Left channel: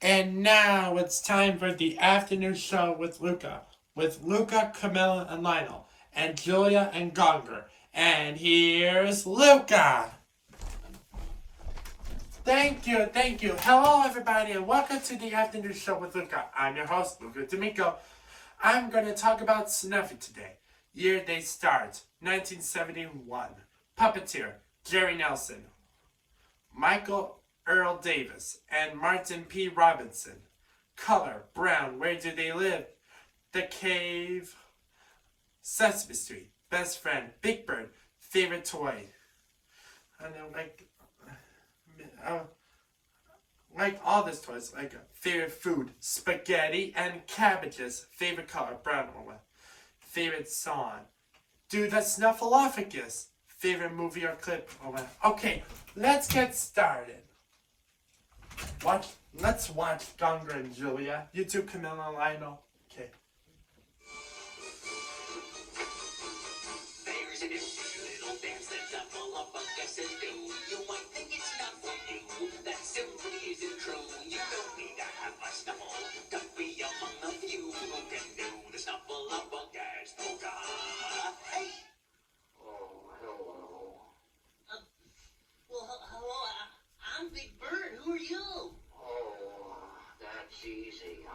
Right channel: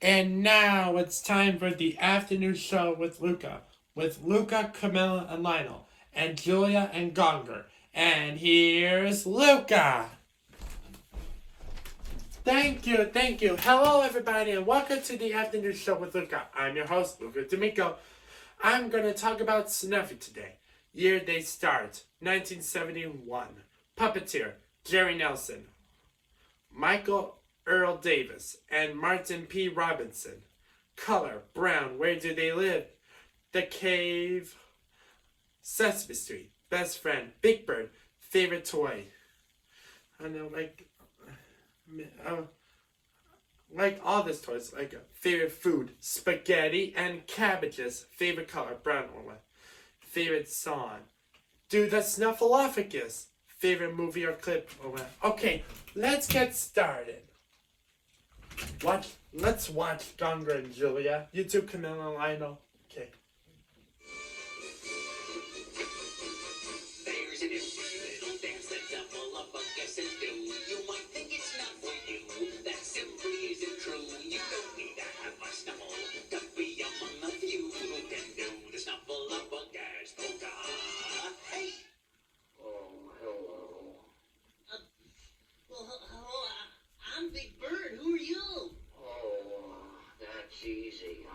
And now it's time for the afternoon show with Luca. With Luca, Camilla, and Lionel. And Julia and Gonger. And here's Luca. Thank you, thank you. Hello, everybody, and welcome to the afternoon show with Luca. I'm your host, Luca D'Amico. I'm going to talk about Snuffy today. Year they start, 1971. Puppeteer, Jerry Nelson. Michael Earl Davis and Martin P. Robinson. Color, brown. Where do they live? The Cave. Sesame Street. Best friend. Big Bird. Favorite toy. I don't know, like all these toys. Like favorite food. Spaghetti and cabbages. Favorite color, brown one. Favorite song. Do the Snuffleupagus. Favorite movie or clip. Okay, let's get started. Let's watch Gonger and Julia. You two, Camilla and Lionel. Okay. There's a new little dance that Snuffleupagus do. You might think it's not for you. That simply isn't true. You don't need to have a snuffle to be among the few who can do the Snuffleupagus polka. Hey! Hello, I'm Big Bird. Who are you? Oh, that's easy.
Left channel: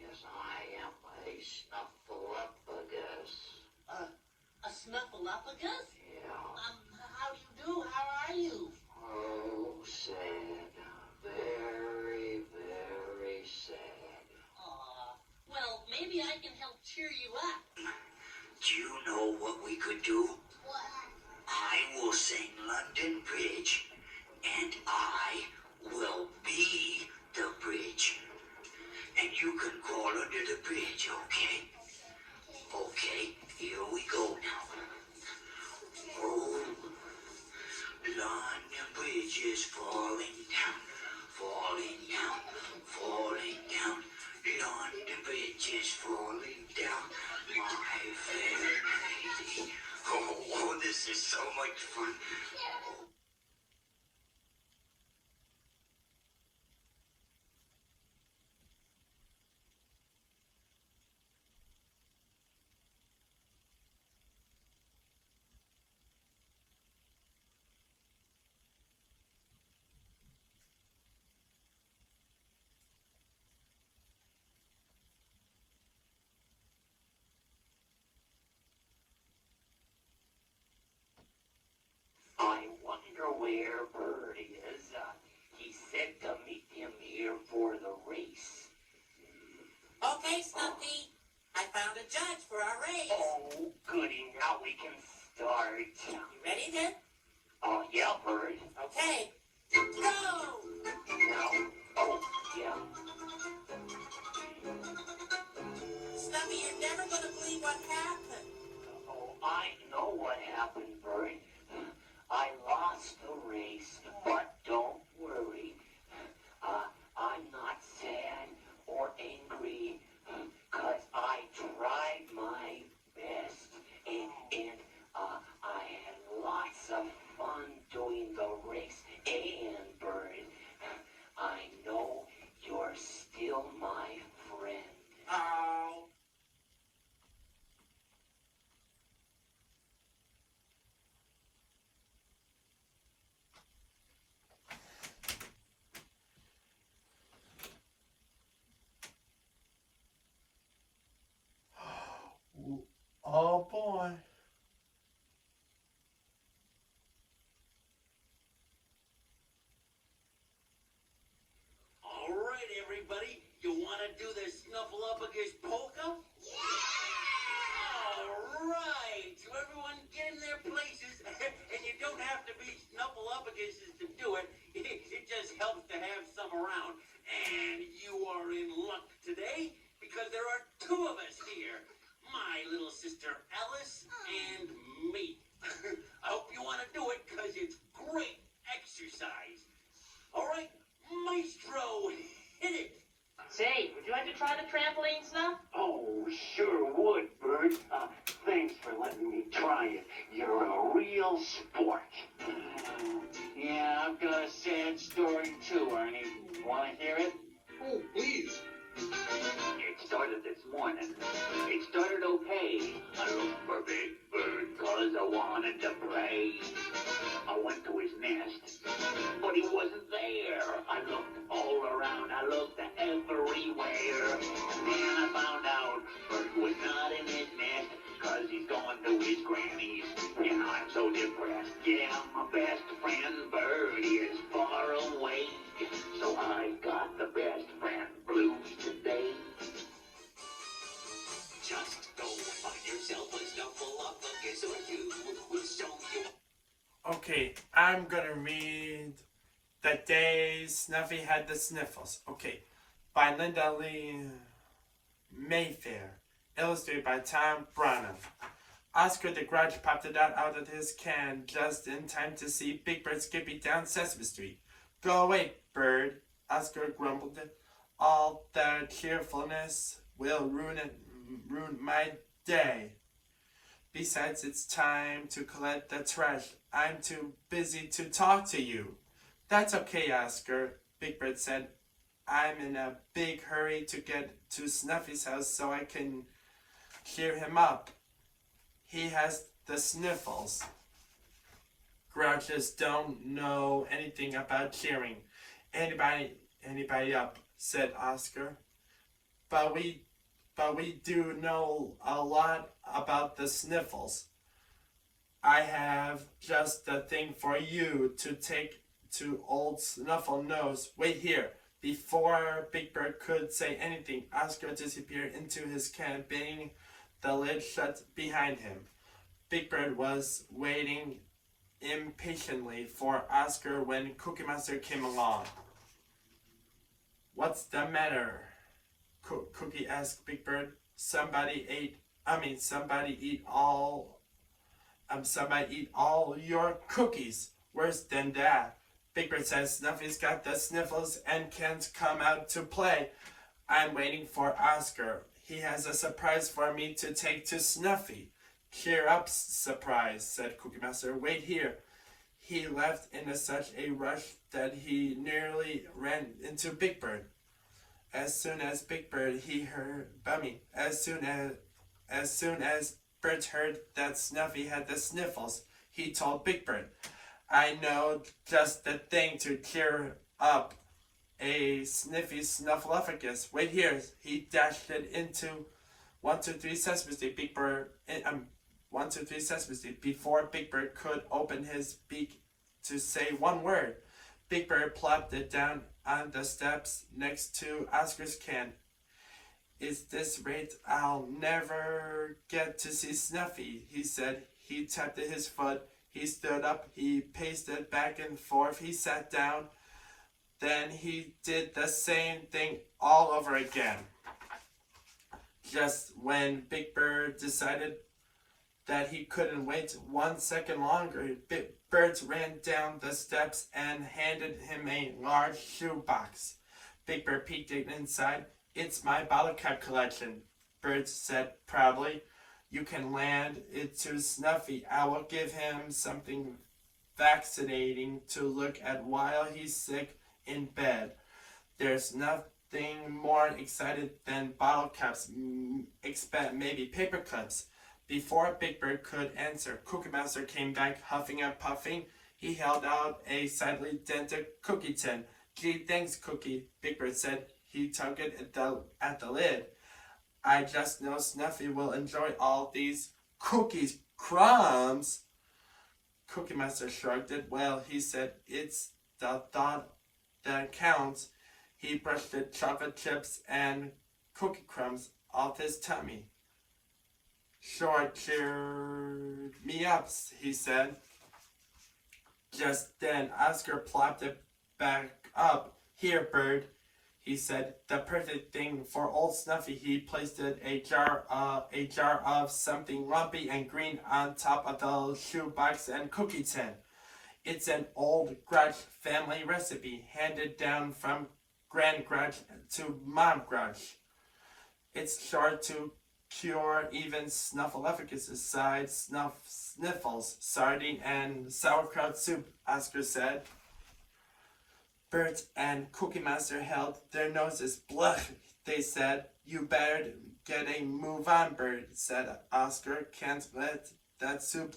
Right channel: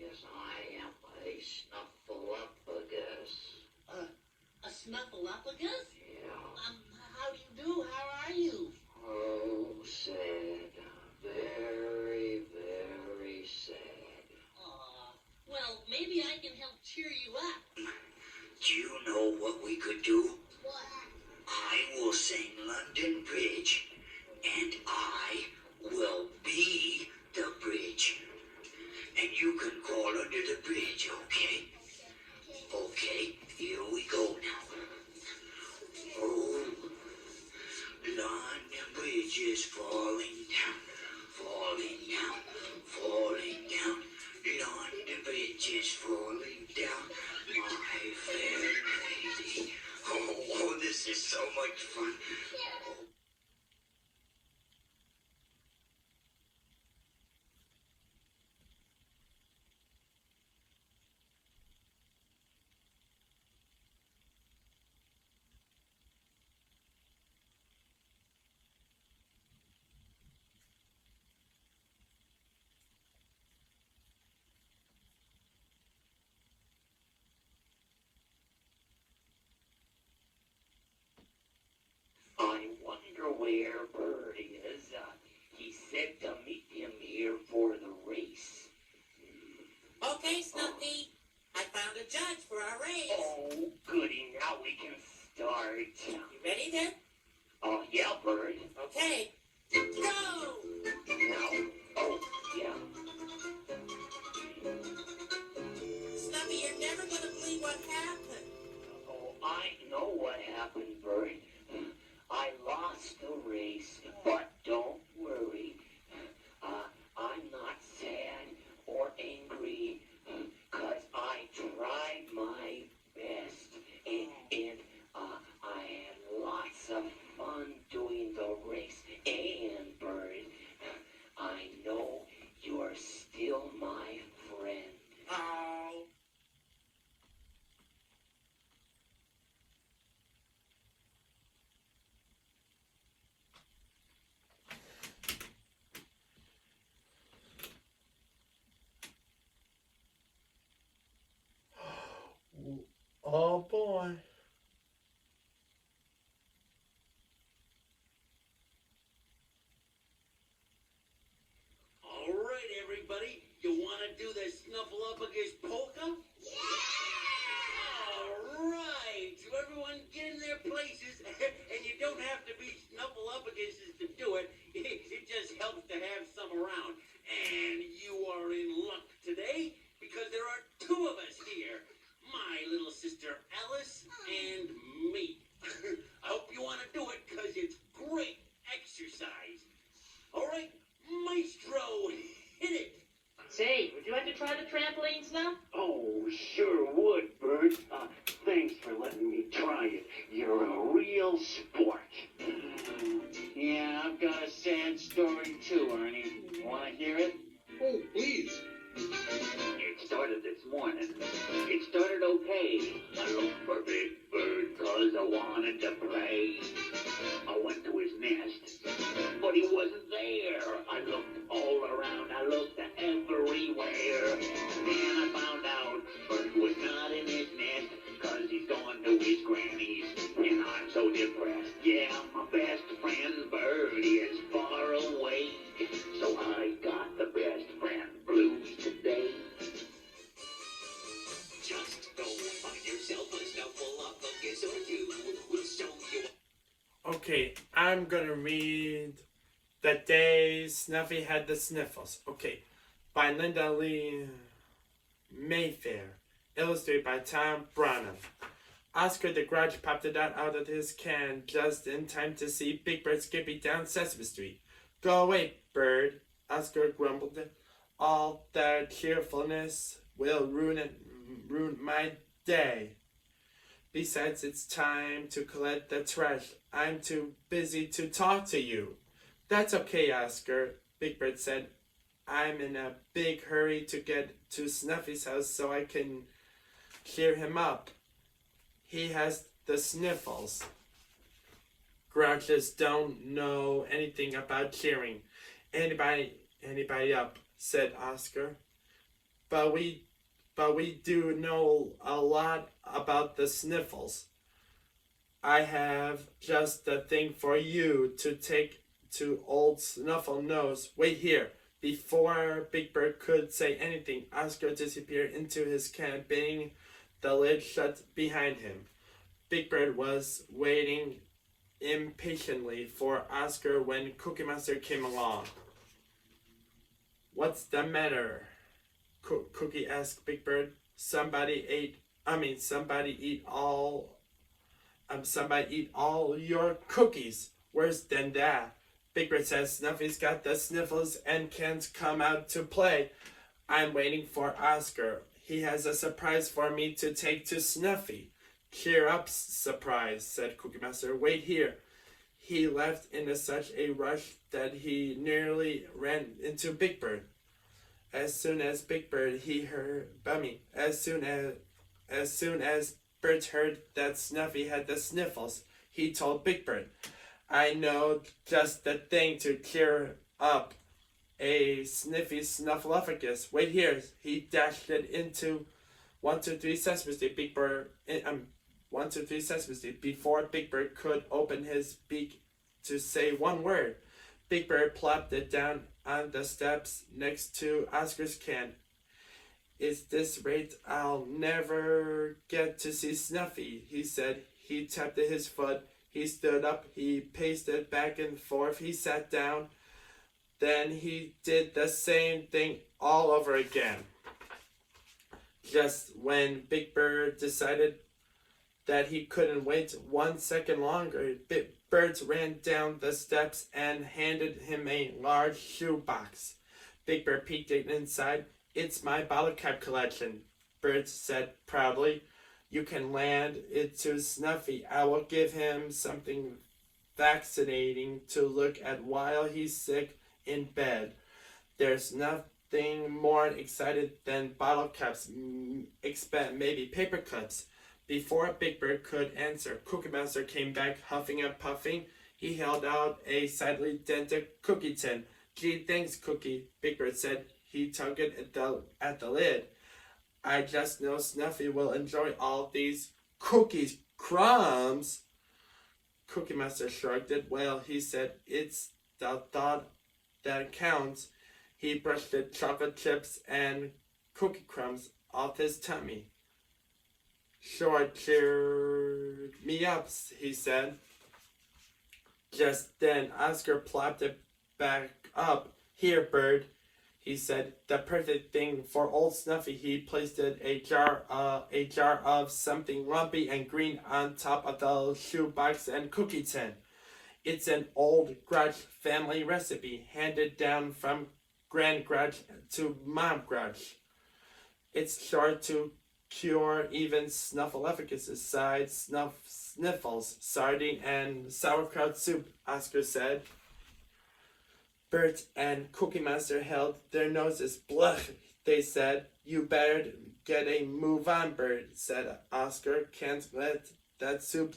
Yes, I am a Snuffleupagus. A Snuffleupagus? Yeah. How do you do? How are you? Oh, sad. Very, very sad. Well, maybe I can help cheer you up. Do you know what we could do? What? I will sing London Bridge, and I will be the bridge. And you can crawl under the bridge, okay? Okay, here we go now. Oh, London Bridge is falling down, falling down, falling down. London Bridge is falling down, my fair lady. Oh, this is so much fun. I wonder where Bird is. He said to meet him here for the race. Okay, Snuffy. I found a judge for our race. Oh, goody, now we can start. You ready then? Yeah, Bird. Okay. Go! Now, oh, yeah. Snuffy, you're never going to believe what happened. Oh, I know what happened, Bird. I lost the race, but don't worry. I'm not sad or angry, 'cause I tried my best, and I had lots of fun doing the race. And, Bird, I know you're still my friend. Oh. Oh boy. All right, everybody. You want to do the Snuffleupagus polka? All right. So everyone get in their places, and you don't have to be Snuffleupaguses to do it. It just helps to have some around. And you are in luck today because there are two of us here. My little sister Alice and me. I hope you want to do it because it's great exercise. All right, Maestro, hit it. Say, would you like to try the trampoline, Snuff? Oh, sure would, Bird. Thanks for letting me try it. You're a real sport. Yeah, I'm gonna read The Day Snuffy Had the Sniffles. Okay, by Linda Lee Mayfair. Illustrated by Tom Brannan. Oscar the Grouch popped it out of his can just in time to see Big Bird skipping down Sesame Street. Go away, Bird, Oscar grumbled. All that cheerfulness will ruin my day. Besides, it's time to collect the trash. I'm too busy to talk to you. That's okay, Oscar, Big Bird said. I'm in a big hurry to get to Snuffy's house so I can cheer him up. He has the sniffles. Grouches don't know anything about cheering anybody up, said Oscar. But we do know a lot about the sniffles. I have just the thing for you to take to old Snuffle Nose. Wait here. Before Big Bird could say anything, Oscar disappeared into his can, banging the lid shut behind him. Big Bird was waiting impatiently for Oscar when Cookie Monster came along. What's the matter? Cookie asked Big Bird. Somebody eat all your cookies. Worse than that. Big Bird says Snuffy's got the sniffles and can't come out to play. I'm waiting for Oscar. He has a surprise for me to take to Snuffy. Cheer up, surprise, said Cookie Monster. Wait here. He left in such a rush that he nearly ran into Big Bird. As soon as Bert heard that Snuffy had the sniffles, he told Big Bird, I know just the thing to cheer up a sniffy snuffleupagus. Wait here. He dashed it into 123 Sesame Street. 123 Sesame Street. Before Big Bird could open his beak to say one word, Big Bird plopped it down on the steps next to Oscar's can. At this rate, I'll never get to see Snuffy, he said. He tapped his foot. He stood up. He paced it back and forth. He sat down. Then he did the same thing all over again. Just when Big Bird decided that he couldn't wait 1 second longer, Bird ran down the steps and handed him a large shoebox. Big Bird peeked inside. It's my bottle cap collection, Bird said proudly. You can land it to Snuffy. I will give him something vaccinating to look at while he's sick in bed. There's nothing more excited than bottle caps, except maybe paper cups. Before Big Bird could answer, Cookie Monster came back huffing and puffing. He held out a slightly dented cookie tin. Gee, thanks, Cookie, Big Bird said. He tugged it at the lid. I just know Snuffy will enjoy all these cookies. Crumbs! Cookie Monster shrugged it. Well, he said, it's the thought that counts. He brushed the chocolate chips and cookie crumbs off his tummy. Sure cheered me up, he said. Just then, Oscar plopped it back up. Here, Bird, he said, the perfect thing for old Snuffy. He placed a jar of something lumpy and green on top of the shoebox and cookie tin. It's an old Grouch family recipe, handed down from Grand Grouch to Mom Grouch. It's sure to cure even snuffleupagus side sniffles, sardine and sauerkraut soup, Oscar said. Bert and Cookie Monster held their noses. Blech, they said. You better get a move on, Bert, said Oscar. Can't let that soup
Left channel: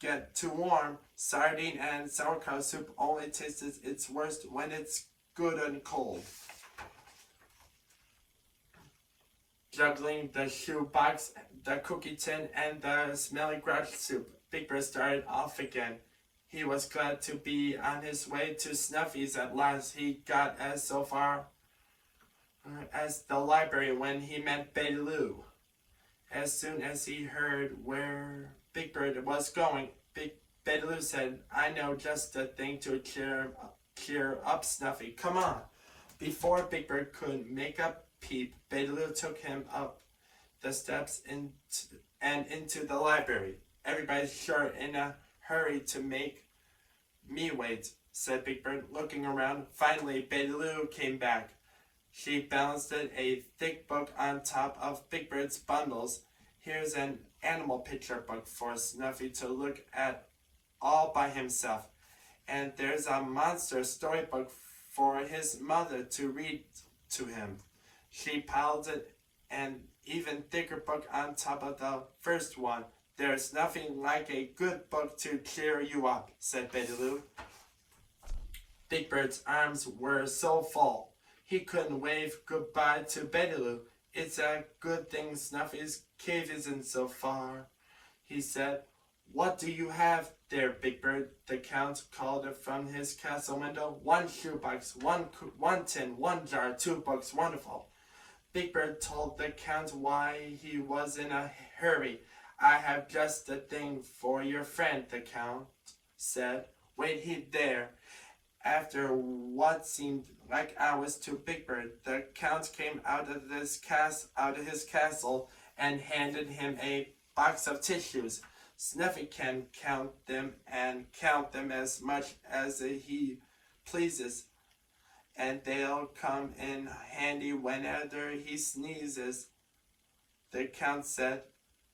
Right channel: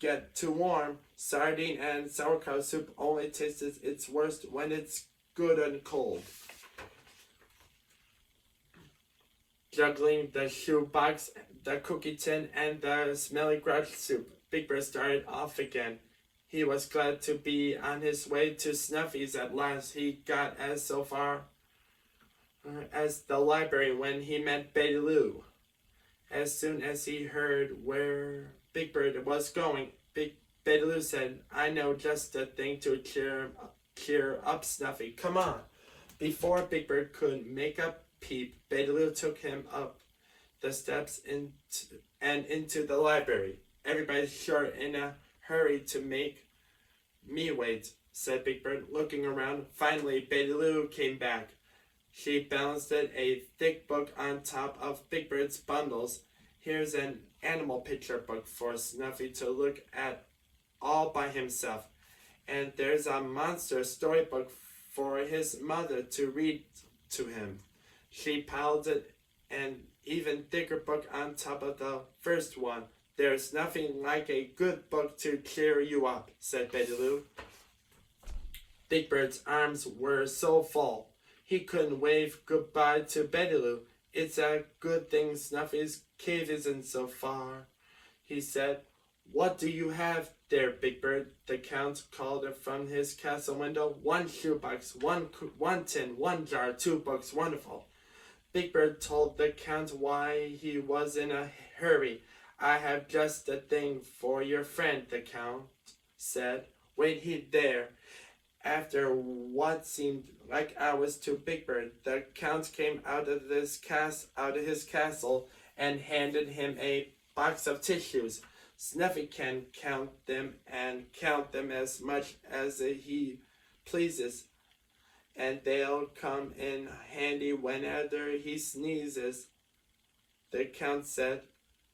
get too warm. Sardine and sauerkraut soup only tastes its worst when it's good and cold. Juggling the shoebox, the cookie tin, and the smelly Grouch soup, Big Bird started off again. He was glad to be on his way to Snuffy's at last. He got as far as the library when he met Betty Lou. As soon as he heard where Big Bird was going, Betty Lou said, I know just the thing to cheer up Snuffy. Come on. Before Big Bird could make a peep, Betty Lou took him up the steps into the library. Everybody's sure in a hurry to make me wait, said Big Bird, looking around. Finally, Betty Lou came back. She balanced a thick book on top of Big Bird's bundles. Here's an animal picture book for Snuffy to look at all by himself. And there's a monster storybook for his mother to read to him. She piled an even thicker book on top of the first one. There's nothing like a good book to cheer you up, said Betty Lou. Big Bird's arms were so full, he couldn't wave goodbye to Betty Lou. It's a good thing Snuffy's cave isn't so far, he said. What do you have there, Big Bird? The Count called from his castle window. 1 shoebox, one tin, 1 jar, 2 books. Wonderful. Big Bird told the Count why he was in a hurry. I have just the thing for your friend, the Count said. Wait there. After what seemed like hours to Big Bird, the Count came out of his castle and handed him a box of tissues. Snuffy can count them and count them as much as he pleases, and they'll come in handy whenever he sneezes, the Count said.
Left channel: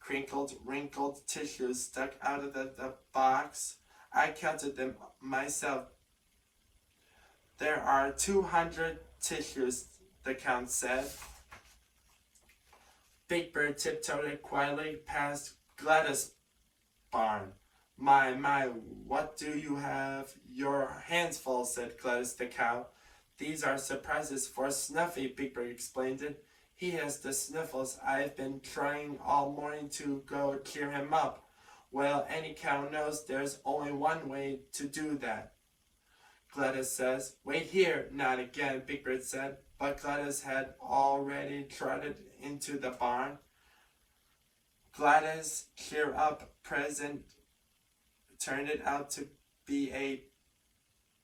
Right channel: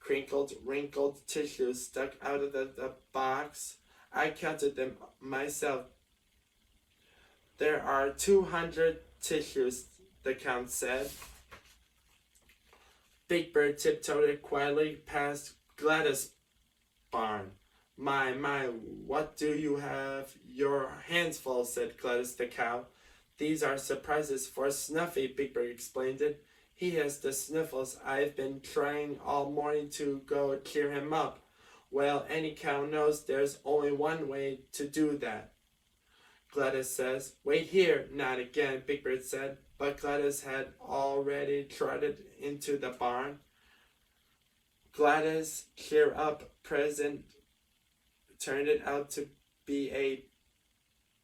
Crinkled, wrinkled tissues stuck out of the box. I counted them myself. There are 200 tissues, the Count said. Big Bird tiptoed quietly past Gladys' barn. My, what do you have your hands full, said Gladys the cow. These are surprises for Snuffy, Big Bird explained it. He has the sniffles. I've been trying all morning to go cheer him up. Well, any cow knows there's only one way to do that. Gladys says, wait here, not again, Big Bird said, but Gladys had already trotted into the barn. Gladys' cheer up present turned it out to be a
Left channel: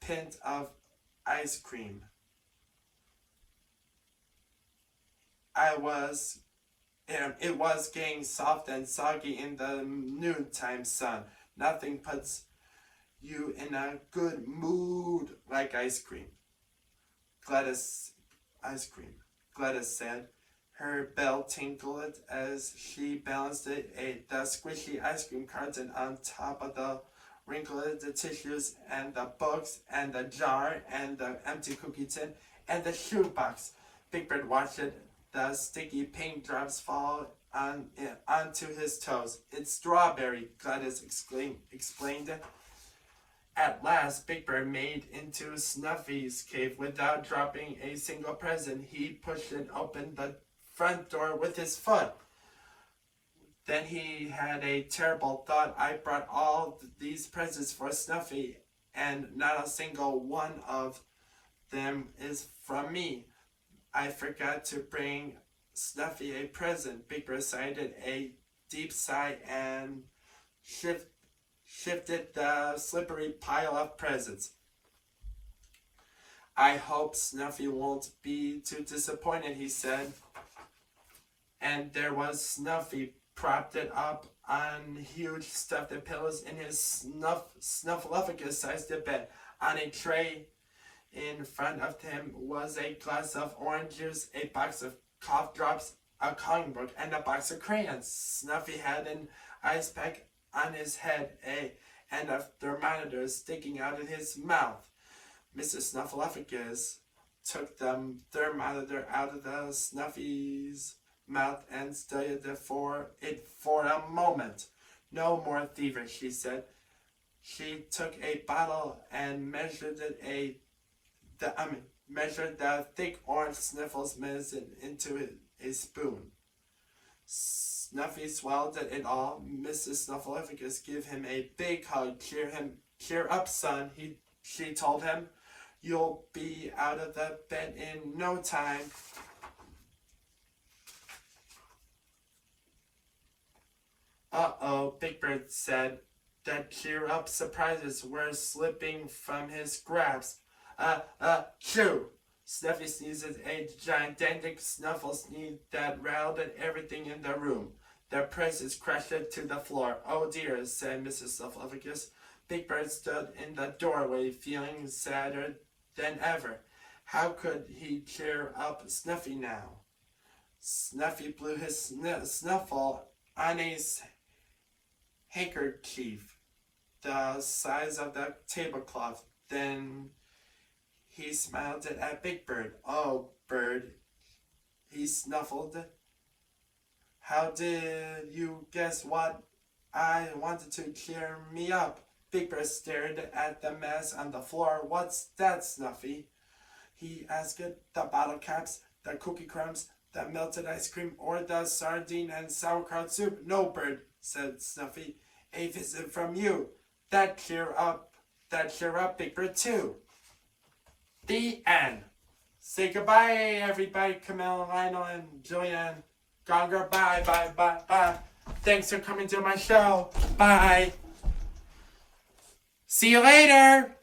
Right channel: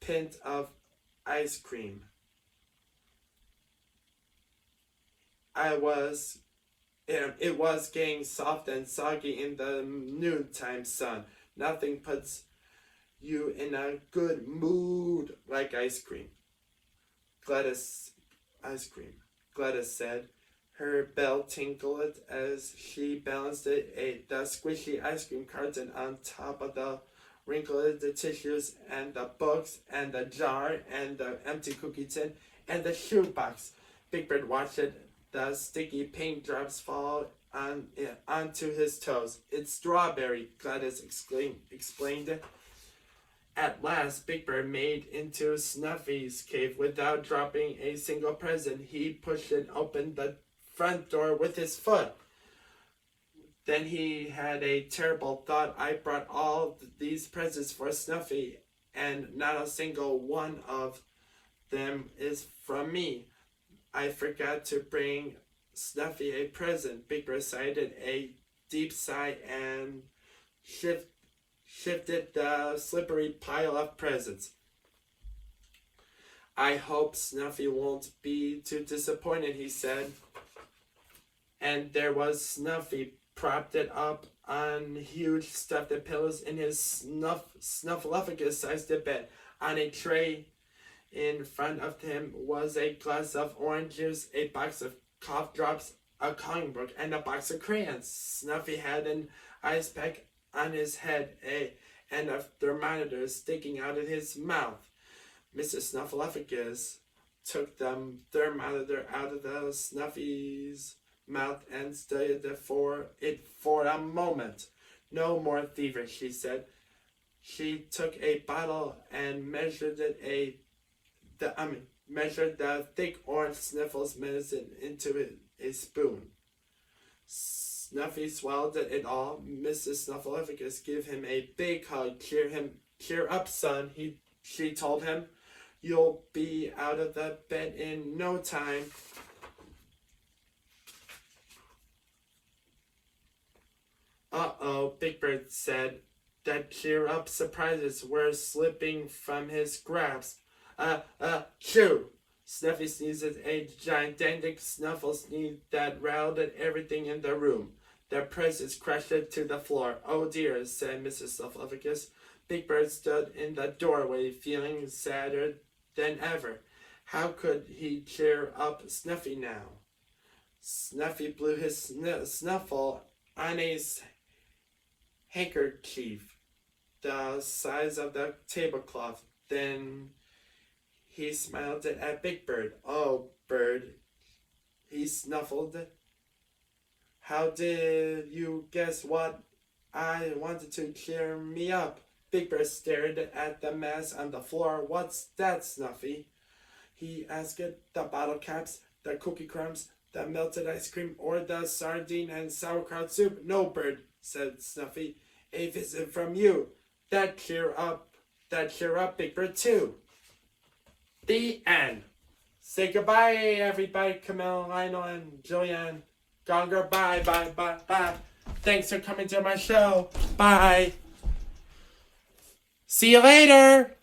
pint of ice cream. It was getting soft and soggy in the noontime sun. Nothing puts you in a good mood like ice cream. Gladys said. Her bell tinkled as she balanced the squishy ice cream carton on top of the wrinkled tissues and the books and the jar and the empty cookie tin and the shoebox. Big Bird watched the sticky paint drops fall onto his toes. It's strawberry, Gladys explained it. At last, Big Bird made into Snuffy's cave without dropping a single present. He pushed it open the front door with his foot. Then he had a terrible thought. I brought all these presents for Snuffy, and not a single one of them is from me. I forgot to bring Snuffy a present. Big Bird sighed a deep sigh and shifted the slippery pile of presents. I hope Snuffy won't be too disappointed, he said. And there was Snuffy, propped it up on huge stuffed pillows in his snuffleupagus-sized bed. On a tray in front of him was a glass of orange juice, a box of cough drops, a coloring book, and a box of crayons. Snuffy had an ice pack on his head, and a thermometer sticking out of his mouth. Mrs. Snuffleupagus took the thermometer out of the Snuffy's mouth and studied it for a moment. No more feverish, she said. She took a bottle and measured the thick orange Sniffles medicine into a spoon. Snuffy swallowed it all. Mrs. Snuffleupagus gave him a big hug. Cheer up, son, she told him. You'll be out of the bed in no time. Uh-oh, Big Bird said. that cheer up surprises were slipping from his grasp. Shoo! Snuffy sneezes a gigantic snuffle sneeze that routed everything in the room. The presents crashed to the floor. Oh dear, said Mrs. Snuffleupagus. Big Bird stood in the doorway, feeling sadder than ever. How could he cheer up Snuffy now? Snuffy blew his snuffle on a handkerchief the size of the tablecloth. Then he smiled at Big Bird. Oh, Bird, he snuffled. How did you guess what I wanted to cheer me up? Big Bird stared at the mess on the floor. What's that, Snuffy? He asked. The bottle caps, the cookie crumbs, the melted ice cream, or the sardine and sauerkraut soup? No, Bird, said Snuffy. A visit from you. That cheer up Big Bird too. The end. Say goodbye, everybody. Camille, Lionel, and Julianne. Gonger, bye, bye, bye, bye. Thanks for coming to my show. Bye. See you later.